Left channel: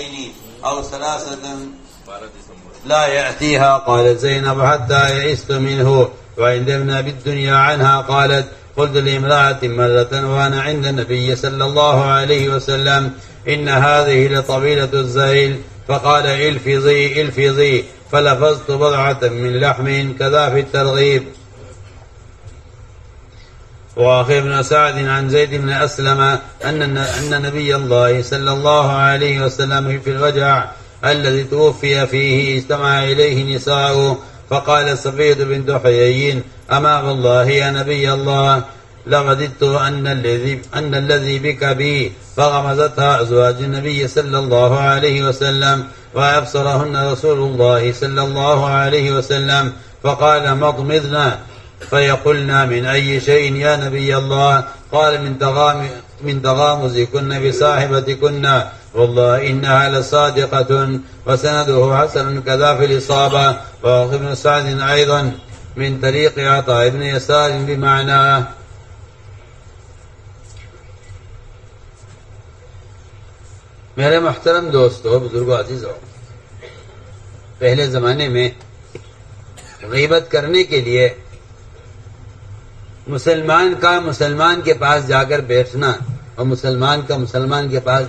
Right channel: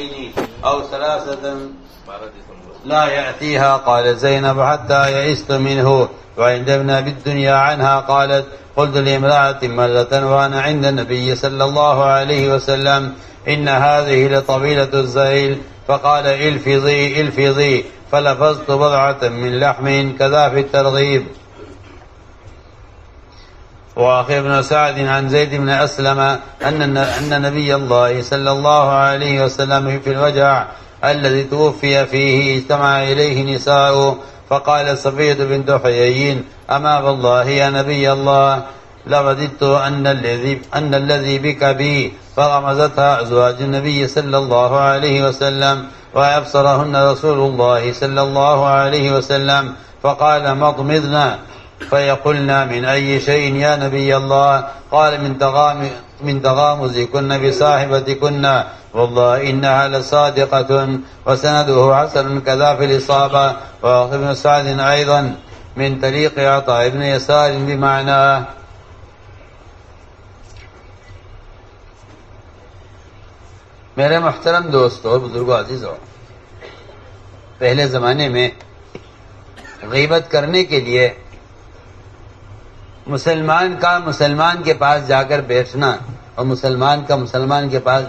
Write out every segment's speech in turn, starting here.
الليل أو 3 لا يأتيها. قالت زينب حتى يئست منه. وعند ابن أبي الدنيا عنها قالت قلت لامرأة مرة وأنا عند النبي صلى الله عليه وسلم إن هذه لطويلة الزيل، فقال الفظي الفظي، فلفظت بضعة من لحم كذا في الترغيب. وأخي ابن سعد عن زيد بن أسلم أن نبي الله صلى الله عليه وسلم في الوجع الذي توفي فيه اجتمع إليه نساء، فقال صفية بنت حيي أما والله يا نبي الله لوددت أن الذي بك بي، فغمزتها أزواج النبي صلى الله عليه وسلم وأبصرهن رسول الله صلى الله عليه وسلم، فقال مضمضنا، فيقولنا من أي شيء يا نبي الله؟ قال من تغامزكن بصاحبتكن، والله إنها لصادقة. وسنده حسن كذا في الإصابة. وأخي بن سعد أيضا من طريق عطاء بن يسار بمعناه. میرے محترم دوستو، بزرگوں، عزیزوں، پہلے زمانے میں غیبت کرنے کے لیے مسلمان کا مسلمان کے پاس جا کر بیٹھنا اور مسلمان کا مسلمان کے پاس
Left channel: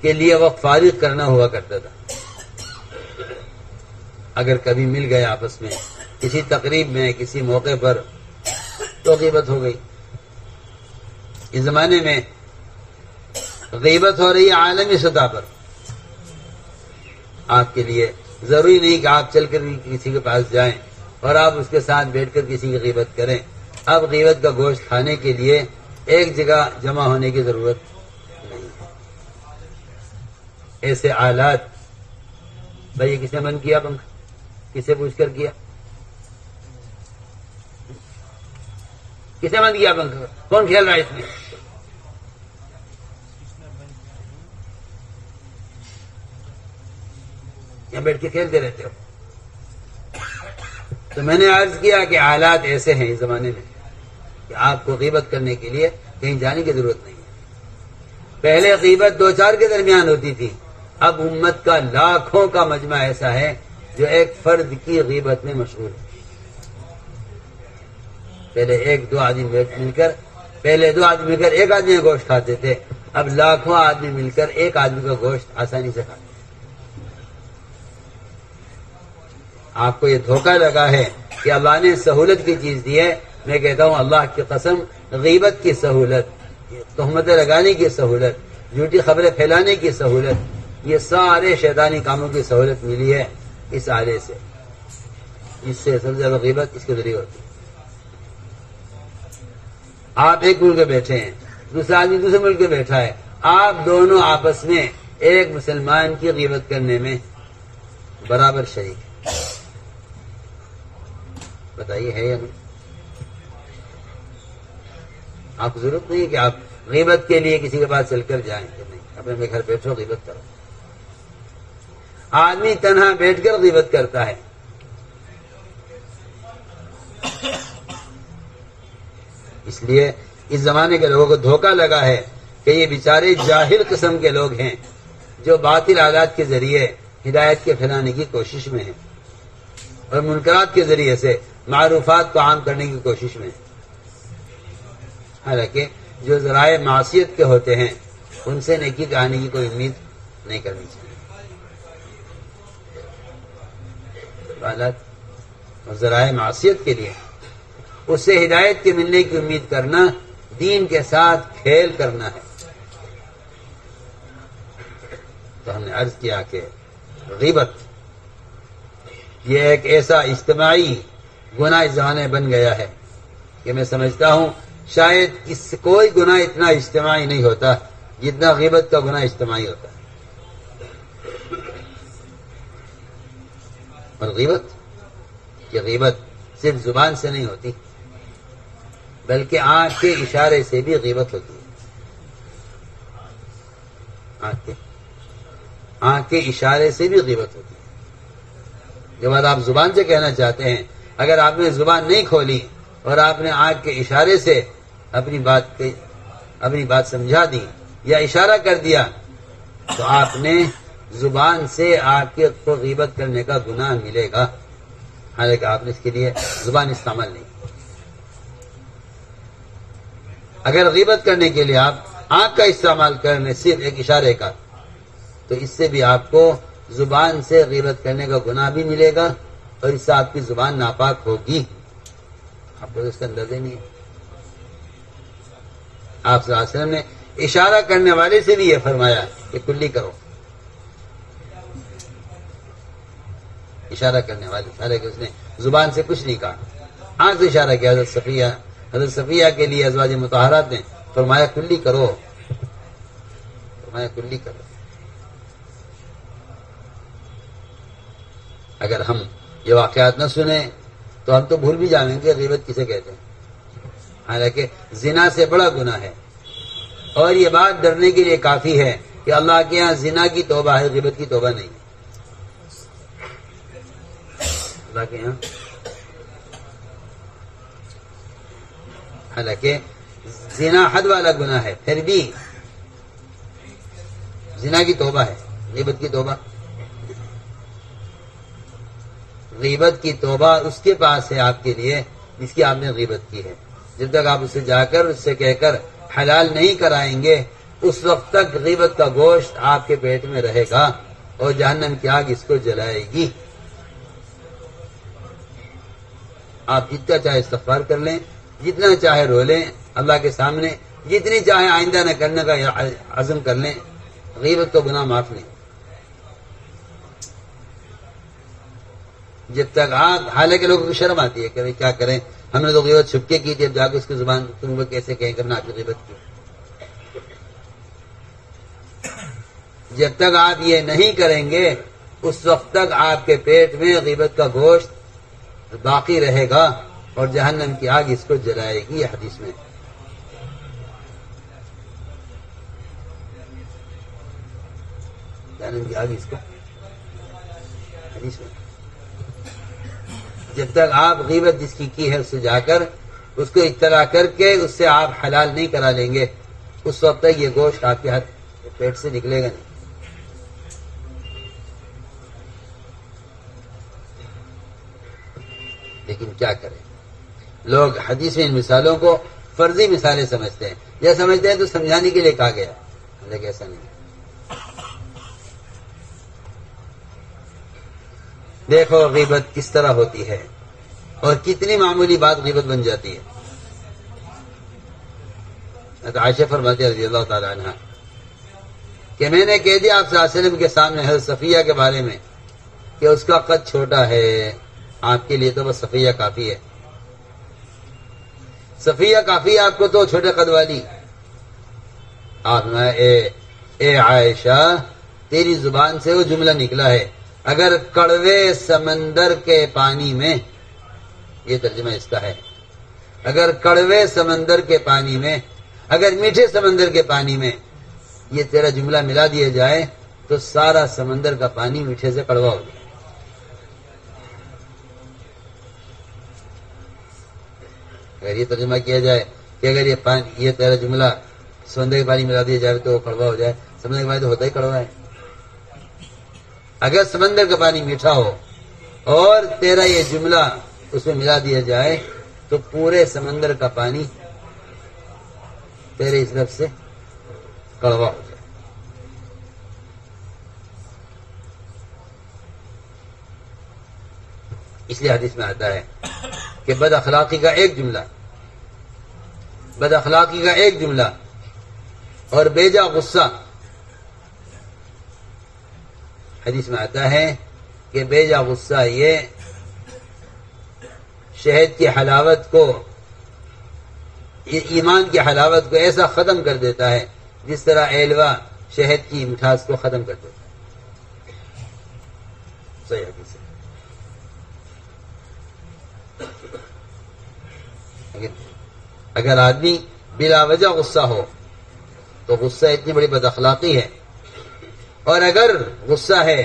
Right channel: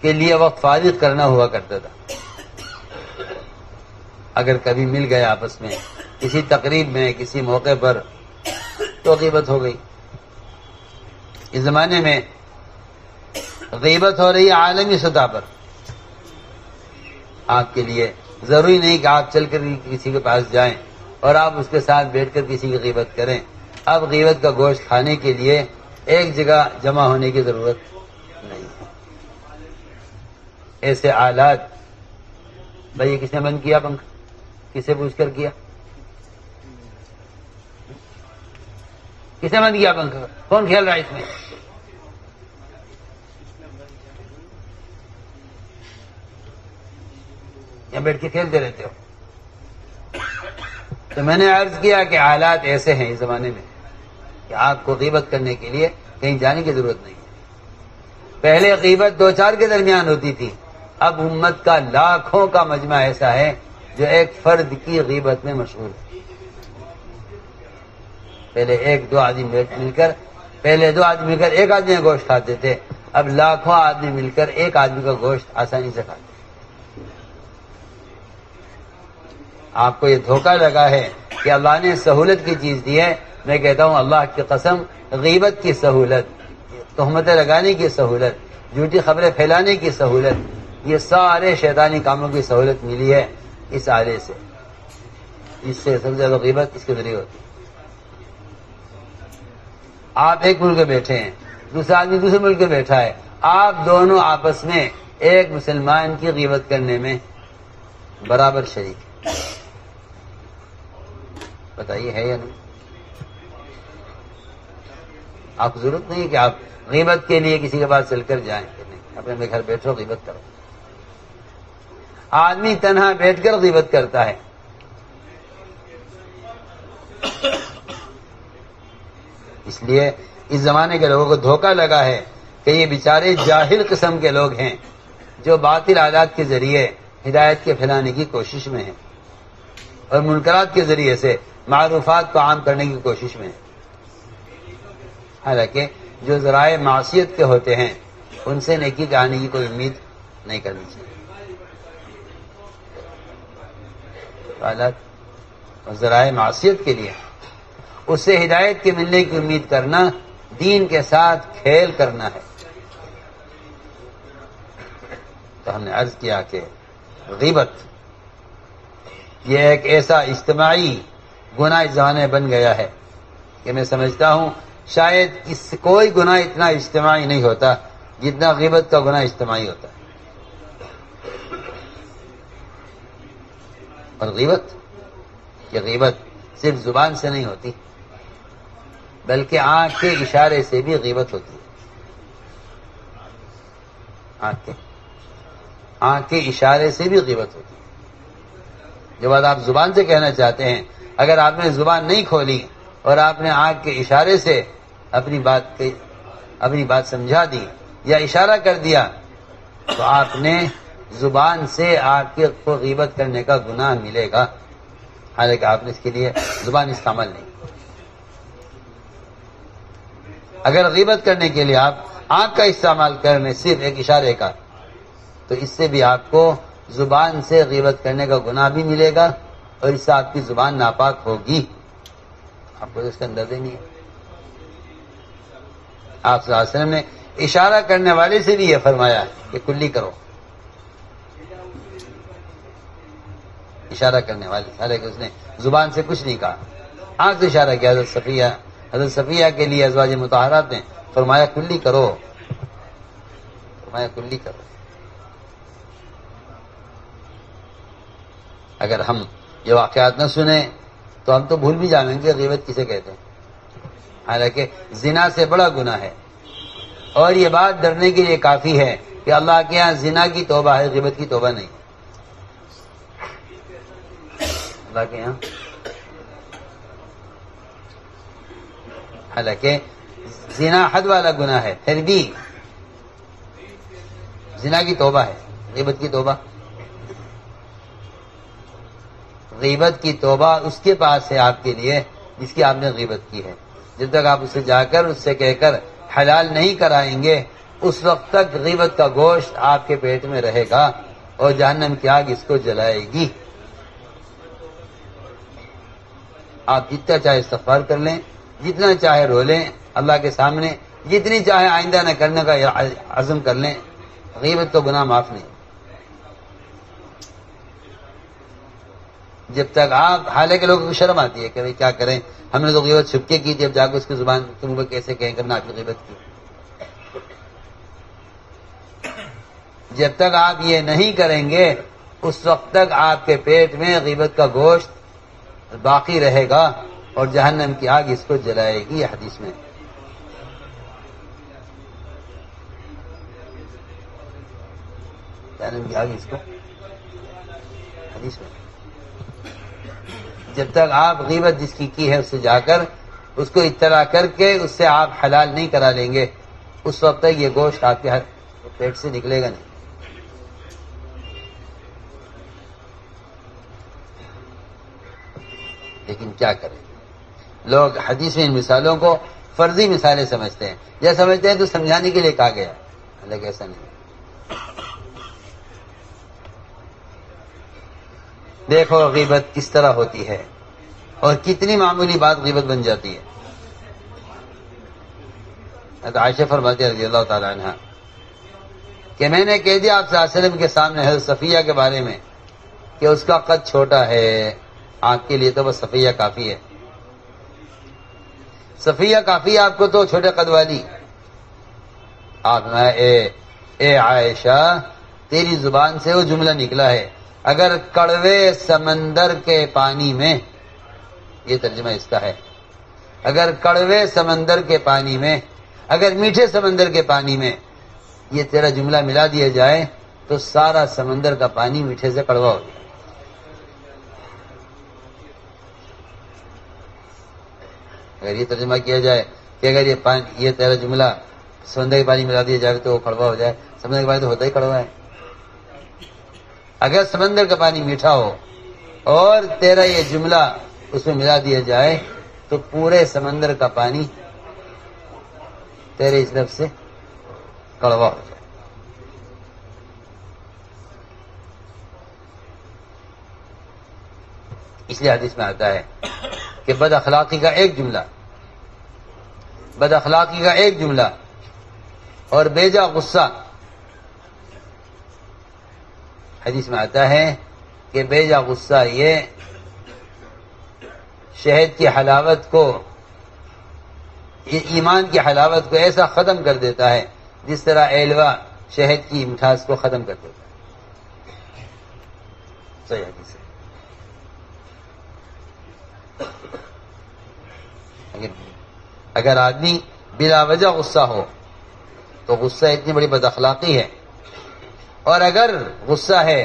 کے لیے وقت فارغ کرنا ہوا کرتا تھا. اگر کبھی مل گئے آپس میں کسی تقریب میں کسی موقع پر تو غیبت ہو گئی. اس زمانے میں غیبت ہو رہی ہے عالمی سطح پر. آپ کے لیے ضروری نہیں کہ آپ چل کر کسی کے پاس جائیں اور آپ اس کے ساتھ بیٹھ کر کسی کی غیبت کریں. اب غیبت کا گوشت کھانے کے لیے ایک جگہ جمع ہونے کی ضرورت نہیں ہے. ایسے آلات، بھائی کس نے بند کیا پنکھا؟ کسے پوچھ کر کیا؟ کس نے بند کیا پنکھا؟ کون کھیل رہا ہے اس میں؟ یا بیٹھ کے کھیلتے رہتے ہو؟ تو میں نے عرض کیا کہ حالات ایسے ہیں اس زمانے میں کہ آپ کو غیبت کرنے کے لیے کہیں جانے کی ضرورت نہیں. پہلے غیبت 2-4 کے درمیان ہوتی تھی، اب امت کا لاکھوں کا مجمع ایسا ہے جو ایک فرد کی غیبت میں مشغول ہے. پہلے 1-2 آدمی مل کر ایک آدمی کا گوشت کھاتے تھے، اب لاکھوں آدمی مل کر ایک آدمی کا گوشت آسانی سے کھاتے ہیں. آپ کو یہ دھوکہ لگا ہے کہ اللہ نے سہولت کی چیز دی ہے. میں کہتا ہوں اللہ کی قسم، غیبت کی سہولت، تہمتیں لگانے کی سہولت، جھوٹی خبریں پھیلانے کی سہولت، یہ سارے شیطانی کاموں کی سہولت ملی ہے اس آلے سے. اس سے سب سے زیادہ غیبت اس کے ذریعے ہوتی ہے. آپ ایک ملک میں بیٹھے ہیں، دوسرا آدمی دوسرے ملک میں بیٹھا ہے، آپ دونوں آپس میں ایک مسلمان کی غیبت کرنے میں برابر شریک ہیں. بتائیے ہے یا نہیں؟ آپ کو ضرورت نہیں کہ آپ غیبت کے لیے کسی کے پاس چل کر جائیں. نہیں، اپنے گھر بیٹھو غیبت کرو. آدمی تنہا بیٹھ کر غیبت کرتا ہے. اس لیے اس زمانے کے لوگوں کو دھوکہ لگا ہے کہ یہ بیچارے جاہل قسم کے لوگ ہیں جو باطل آلات کے ذریعے ہدایت کے پھیلانے کی کوشش میں ہیں اور منکرات کے ذریعے سے معروفات کو عام کرنے کی کوشش میں ہیں. حالانکہ جو ذرائع معصیت کے ہوتے ہیں ان سے نیکی کے آنے کی کوئی امید نہیں کرنی چاہیے. حالات ذرائع معصیت کے لیے اس سے ہدایت کے ملنے کی امید کرنا دین کے ساتھ کھیل کرنا ہے. تو ہم نے عرض کیا کہ غیبت یہ ایک ایسا اجتماعی گناہ اس زمانے میں بن گیا ہے کہ میں سمجھتا ہوں شاید کوئی گناہ اتنا اجتماعی نہیں ہوتا جتنا غیبت کا گناہ اجتماعی ہوتا ہے. اور غیبت صرف زبان سے نہیں ہوتی بلکہ آنکھ کے اشارے سے بھی غیبت ہوتی ہے. آنکھ کے اشارے سے بھی غیبت ہوتی ہے. جو بات آپ زبان سے کہنا چاہتے ہیں، اگر آپ نے زبان نہیں کھولی اور آپ نے آنکھ کے اشارے سے اپنی بات سمجھا دی یا اشارہ کر دیا تو آپ نے زبان سے آپ کے کو غیبت کرنے کا گناہ ملے گا، حالانکہ آپ نے اس کے لیے زبان استعمال نہیں. اگر غیبت کرنے کے لیے آپ آنکھ کا استعمال کرنے صرف ایک اشارے کا، تو اس سے بھی آپ کو زبان سے غیبت کرنے کا گناہ بھی ملے گا، اور اس سے آپ کی زبان ناپاک ہوگی. آپ کو اس کا اندازہ نہیں ہے. آپ صلی اللہ علیہ وسلم نے اشارہ کرنے والے سے بھی یہ فرمایا کہ کلی کرو. اشارہ کرنے والے، حالانکہ اس نے زبان سے کچھ نہیں کہا، آنکھ سے اشارہ کیا. حضرت صفیہ کے لیے ازواج مطہرات نے فرمایا کلی کرو، فرمایا کلی کرو. اگر ہم یہ واقعات نہ سنیں تو ہم تو بھول بھی جائیں گے غیبت کسے کہتے ہیں. حالانکہ زنا سے بڑا گناہ ہے، اور یہ بات ڈرنے کے لیے کافی ہے کہ اللہ کے یہاں زنا کی توبہ ہے، غیبت کی توبہ نہیں. اللہ کے یہاں حالانکہ زنا حد والا گناہ ہے، پھر بھی زنا کی توبہ ہے، غیبت کی توبہ. غیبت کی توبہ اس کے پاس ہے آپ کے لیے جس کی آپ نے غیبت کی ہے. جب تک آپ اسے جا کر اس سے کہہ کر حلال نہیں کرائیں گے، اس وقت تک غیبت کا گوشت آپ کے پیٹ میں رہے گا اور جہنم کی آگ اس کو جلائے گی. آپ جتنا چاہے استغفار کر لیں، جتنا چاہے رو لیں اللہ کے سامنے، جتنی چاہے آئندہ نہ کرنے کا عزم کر لیں، غیبت تو گناہ معاف نہیں. جب تک آپ، حالانکہ لوگوں کو شرم آتی ہے کہ بھائی کیا کریں، ہم نے تو غیبت چھپ کے کی، جب جا کے اس کی زبان تم کو کیسے کہیں کرنا آپ کی غیبت کی. جب تک آپ یہ نہیں کریں گے اس وقت تک آپ کے پیٹ میں غیبت کا گوشت باقی رہے گا اور جہنم کی آگ اس کو جلائے گی. یہ حدیث میں جہنم کی آگ اس کو، حدیث میں جب تک آپ غیبت جس کی ہے اس سے جا کر اس کو اطلاع کر کے اس سے آپ حلال نہیں کرا لیں گے، اس وقت تک یہ گوشت آپ کے ہاتھ پیٹ سے نکلے گا نہیں. لیکن کیا کریں، لوگ حدیث میں ان مثالوں کو فرضی مثالیں سمجھتے ہیں، یا سمجھتے ہیں تو سمجھانے کے لیے کہا گیا، حالانکہ ایسا نہیں. دیکھو غیبت کس طرح ہوتی ہے اور کتنی معمولی بات غیبت بن جاتی ہے. عائشہ فرماتی ہے رضی اللہ تعالی عنہ کہ میں نے کہہ دیا آپ صلی اللہ علیہ وسلم کے سامنے حضرت صفیہ کے بارے میں کہ اس کا قد چھوٹا ہے، آپ کے لیے تو بس صفیہ کافی ہے. صفیہ کافی ہے آپ کو تو چھوٹے قد والی. آپ نے اے عائشہ تیری زبان سے وہ جملہ نکلا ہے، اگر کڑوے سمندر کے پانی میں، یہ ترجمہ اس کا ہے، اگر کڑوے سمندر کے پانی میں، اگر میٹھے سمندر کے پانی میں یہ تیرا جملہ ملا دیا جائے تو سارا سمندر کا پانی میٹھے سے کڑوا ہو جائے. اگر یہ ترجمہ کیا جائے کہ اگر یہ تیرا جملہ سمندر کے پانی ملا دیا جائے تو وہ کڑوا ہو جائے، سمندر کے پانی تو ہوتا ہی کڑوا ہے. اگر سمندر کا پانی میٹھا ہو اور تیرا یہ جملہ اس میں ملا دیا جائے تو پورے سمندر کا پانی تیرے اس لفظ سے کڑوا ہو جائے. اس لیے حدیث میں آتا ہے کہ بد اخلاقی کا ایک جملہ اور بیجا غصہ، حدیث میں آتا ہے کہ بیجا غصہ یہ شہد کی حلاوت کو، ایمان کی حلاوت کو ایسا ختم کر دیتا ہے جس طرح ایلوا شہد کی مٹھاس کو ختم کر دیتا ہے. صحیح حدیث ہے. اگر آدمی بلا وجہ غصہ ہو تو غصہ اتنی بڑی بد اخلاقی ہے، اور اگر غصہ ہے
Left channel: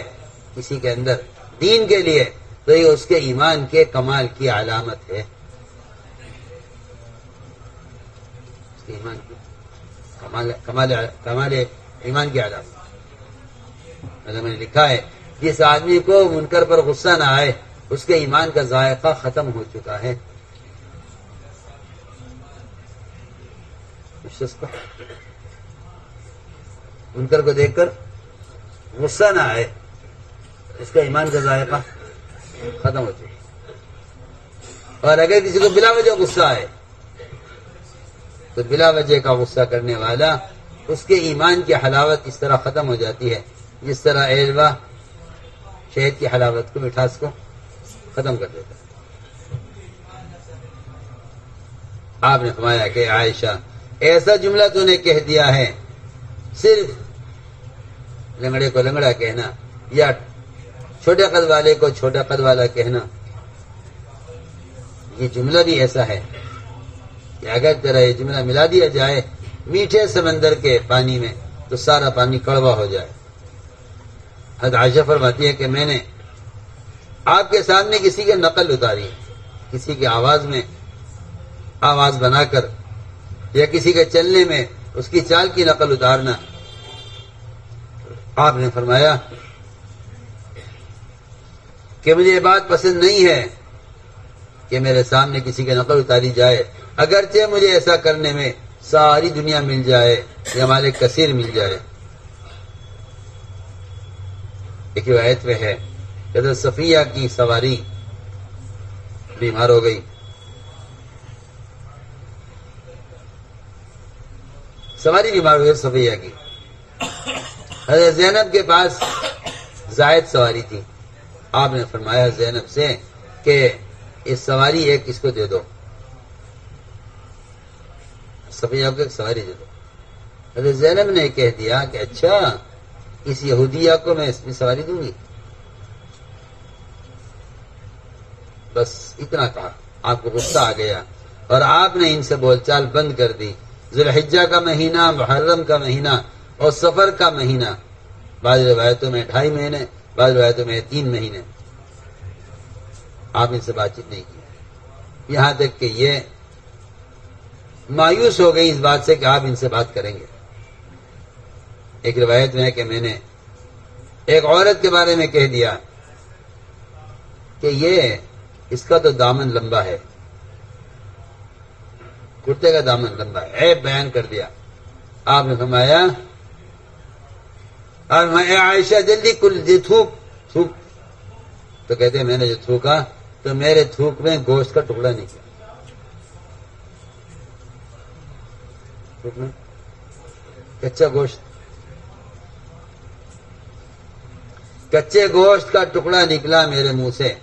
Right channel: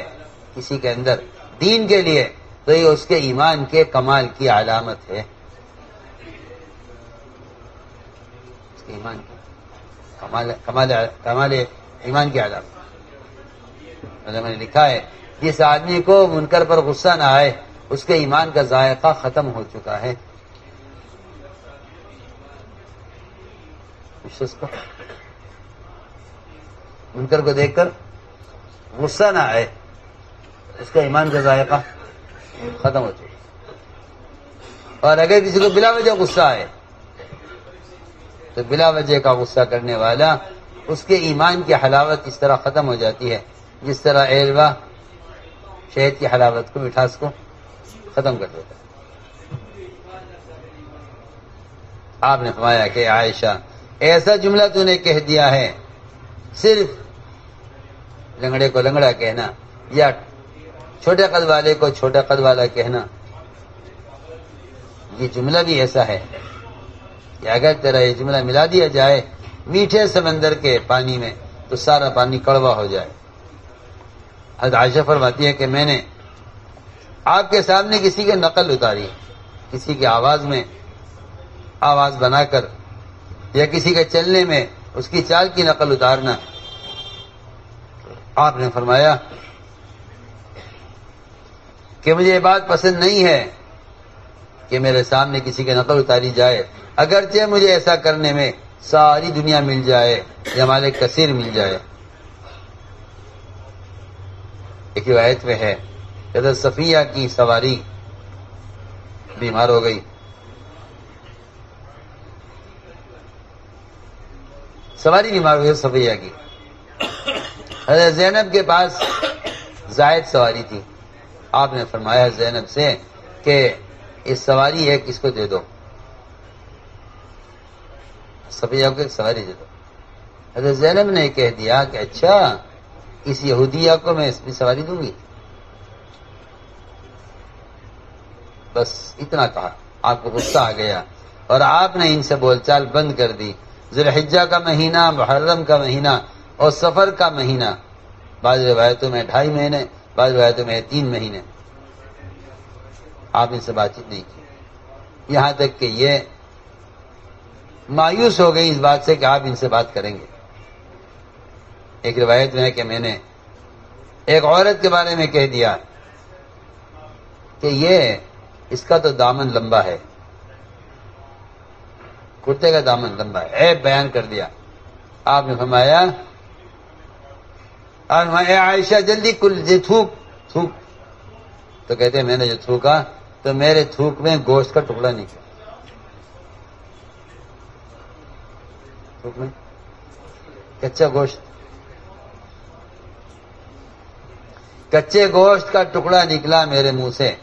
کسی کے اندر دین کے لیے تو یہ اس کے ایمان کے کمال کی علامت ہے. اس کے ایمان کی کمال ایمان کی علامت. میں نے لکھا ہے جس آدمی کو منکر پر غصہ نہ آئے اس کے ایمان کا ذائقہ ختم ہو چکا ہے. اس کو منکر کو دیکھ کر غصہ نہ آئے اس کا ایمان کا ذائقہ ختم ہو چکا ہے. اور اگر کسی کو بلا وجہ غصہ آئے تو بلا وجہ کا غصہ کرنے والا اس کے ایمان کی حلاوت اس طرح ختم ہو جاتی ہے جس طرح ایلوا شہد کی حلاوت کو مٹھاس کو ختم کر دیتا ہے. آپ نے فرمایا کہ عائشہ ایسا جملہ تو نے کہہ دیا ہے صرف لنگڑے کو لنگڑا کہنا یا چھوٹے قد والے کو چھوٹا قد والا کہنا، یہ جملہ بھی ایسا ہے کہ اگر تیرا یہ جملہ ملا دیا جائے میٹھے سمندر کے پانی میں تو سارا پانی کڑوا ہو جائے. حضرت عائشہ فرماتی ہے کہ میں نے آپ کے سامنے کسی کی نقل اتاری، کسی کی آواز میں آواز بنا کر یا کسی کے چلنے میں اس کی چال کی نقل اتارنا. آپ نے فرمایا کہ مجھے یہ بات پسند نہیں ہے کہ میرے سامنے کسی کی نقل اتاری جائے، اگرچہ مجھے ایسا کرنے میں ساری دنیا مل جائے یا مال کثیر مل جائے. ایک روایت میں ہے حضرت صفیہ کی سواری بیمار ہو گئی، سواری بیمار ہوئی صفیہ کی. حضرت زینب کے پاس زائد سواری تھی. آپ نے فرمایا زینب سے کہ اس سواری ایک اس کو دے دو، صفیہ کو ایک سواری دے دو. حضرت زینب نے کہہ دیا کہ اچھا اس یہودیہ کو میں اس کی سواری دوں گی. بس اتنا کہا، آپ کو غصہ آ گیا اور آپ نے ان سے بول چال بند کر دی. ذوالحجہ کا مہینہ، محرم کا مہینہ اور سفر کا مہینہ، بعض روایتوں میں 2.5 مہینے، بعض روایتوں میں 3 مہینے، آپ ان سے بات چیت نہیں کی، یہاں تک کہ یہ مایوس ہو گئی اس بات سے کہ آپ ان سے بات کریں گے. ایک روایت میں ہے کہ میں نے ایک عورت کے بارے میں کہہ دیا کہ یہ اس کا تو دامن لمبا ہے، کرتے کا دامن لمبا ہے، عیب بیان کر دیا. آپ نے فرمایا اے عائشہ جلدی کل تھوک تھوک، تو کہتے ہیں میں نے جو تھوکا تو میرے تھوک میں گوشت کا ٹکڑا نکلا. تھوک میں کچا گوشت، کچے گوشت کا ٹکڑا نکلا میرے منہ سے.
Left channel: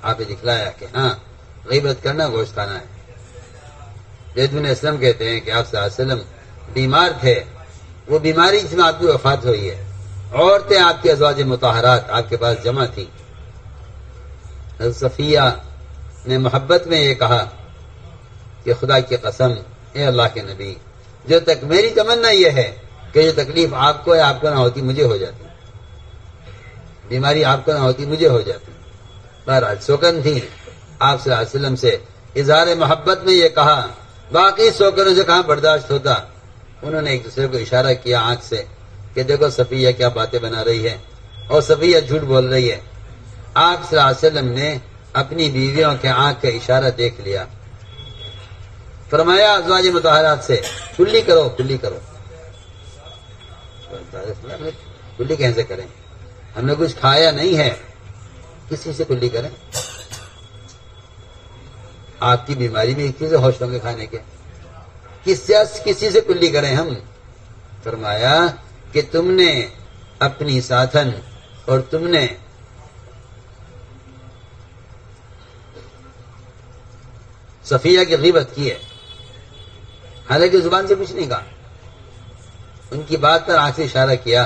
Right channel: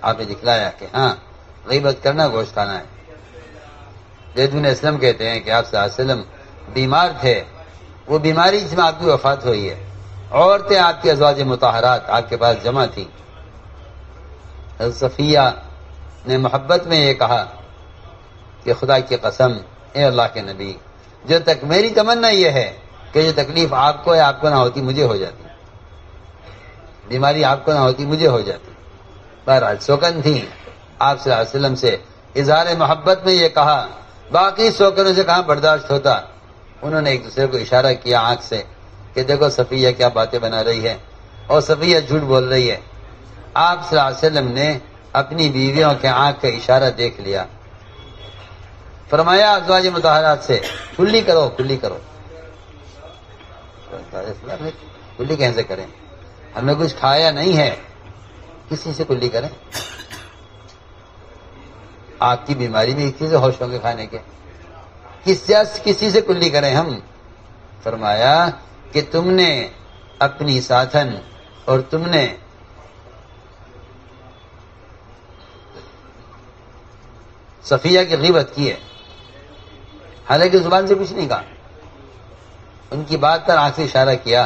آپ نے دکھلایا کہ ہاں غیبت کرنا گوشت کھانا ہے. زید بن اسلم کہتے ہیں کہ آپ صلی اللہ علیہ وسلم بیمار تھے، وہ بیماری جس میں آپ کی وفات ہوئی ہے. عورتیں آپ کی ازواج مطہرات آپ کے پاس جمع تھیں. حضرت صفیہ نے محبت میں یہ کہا کہ خدا کی قسم اے اللہ کے نبی، جو تک میری تمنا یہ ہے کہ جو تکلیف آپ کو ہے آپ کو نہ ہوتی مجھے ہو جاتی، بیماری آپ کو نہ ہوتی مجھے ہو جاتی. بہرحال سوکن تھی، آپ صلی اللہ علیہ وسلم سے اظہار محبت میں یہ کہا. باقی سوکنوں سے کہاں برداشت ہوتا. انہوں نے ایک دوسرے کو اشارہ کیا آنکھ سے کہ دیکھو صفیہ کیا باتیں بنا رہی ہے اور صفیہ جھوٹ بول رہی ہے. آپ صلی اللہ علیہ وسلم نے اپنی بیویوں کے آنکھ کا اشارہ دیکھ لیا. فرمایا ازواج مطہرات سے کلی کرو کلی کرو. کلی کیسے کریں؟ ہم نے کچھ کھایا نہیں ہے، کسی سے کلی کریں؟ آپ کی بیماری میں اتنی سے ہوش ہوں گے کھانے کے، کسی سے کلی کریں ہم؟ فرمایا کہ تم نے اپنی ساتھن اور تم نے صفیہ کی غیبت کی ہے، حالانکہ زبان سے کچھ نہیں کہا. ان کی بات پر آنکھ سے اشارہ کیا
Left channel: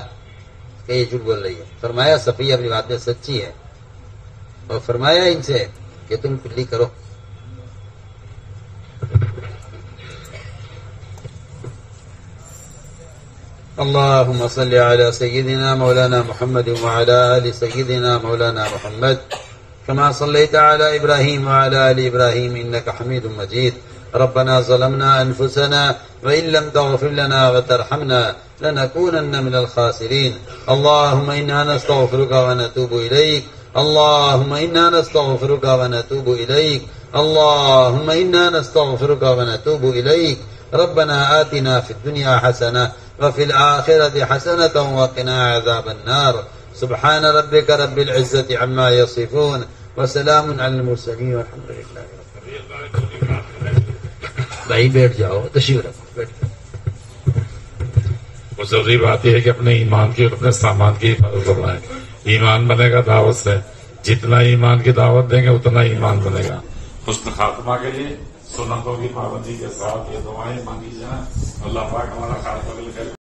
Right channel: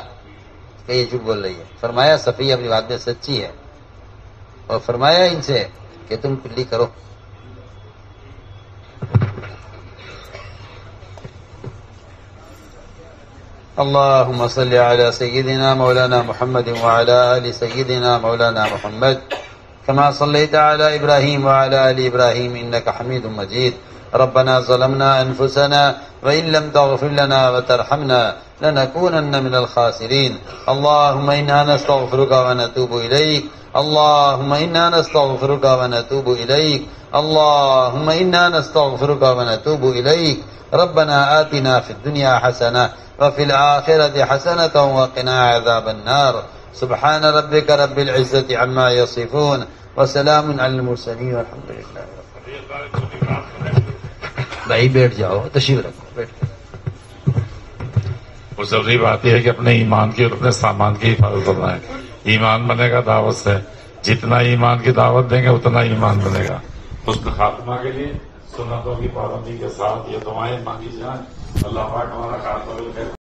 کہ یہ جھوٹ بول رہی ہے. فرمایا صفیہ اپنی بات میں سچی ہے، اور فرمایا ان سے کہ تم کلی کرو. اللهم صل على سيدنا مولانا محمد وعلى آل سيدنا مولانا محمد كما صليت على إبراهيم وعلى آل إبراهيم إنك حميد مجيد. ربنا ظلمنا أنفسنا وإن لم تغفر لنا وترحمنا لنكونن من الخاسرين. اللهم إنا نستغفرك ونتوب إليك. اللهم إنا نستغفرك ونتوب إليك. اللهم إنا نستغفرك ونتوب إليك. ربنا آتنا في الدنيا حسنة وفي الآخرة حسنة وقنا عذاب النار. سبحان ربك رب العزة عما يصفون وسلام على المرسلين والحمد لله. بھائی بیٹھ جاؤ، تشریف رکھو. وہ ضروری بات یہ ہے کہ اپنے ایمان کی اور اپنے سامان کی حفاظت کرنا ہے. ایمان بنے گا دعوت سے، جتنا ایمان کی دعوت دیں گے اتنا ایمان بنے گا. حسن خاتمہ کے لیے سنتوں کی پابندی کے ساتھ یہ دعائیں مانگی جائیں. اللہ پاک ہمارا خاتمہ